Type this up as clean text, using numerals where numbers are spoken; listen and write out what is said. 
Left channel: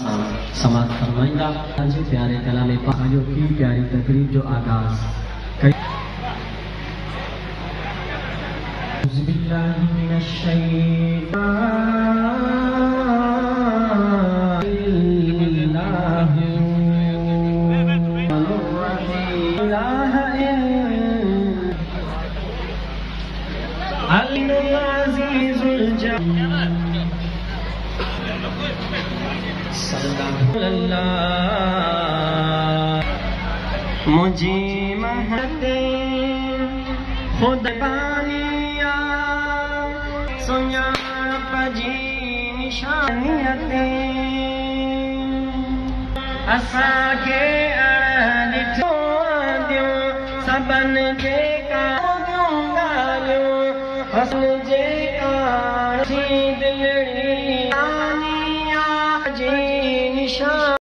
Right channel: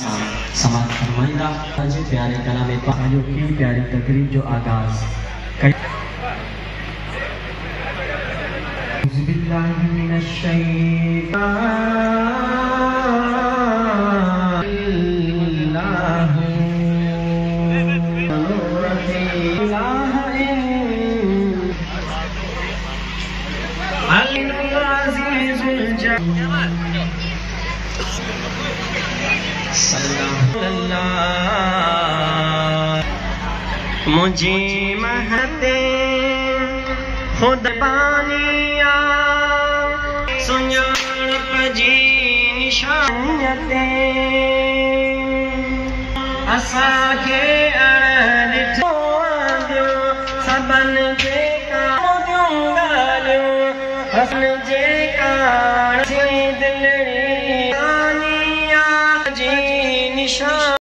समाप्त फरमाइंदा प्यारे कलाम पाक की प्यारी तकरीब जो आगाज मुझे महते खुद बानिया सुञाण पजी निशानियते असांखे ॾिठो दियो सबन जे कारियूं ॻाल्हियूं हसन जे कान दिलड़ी जी निशान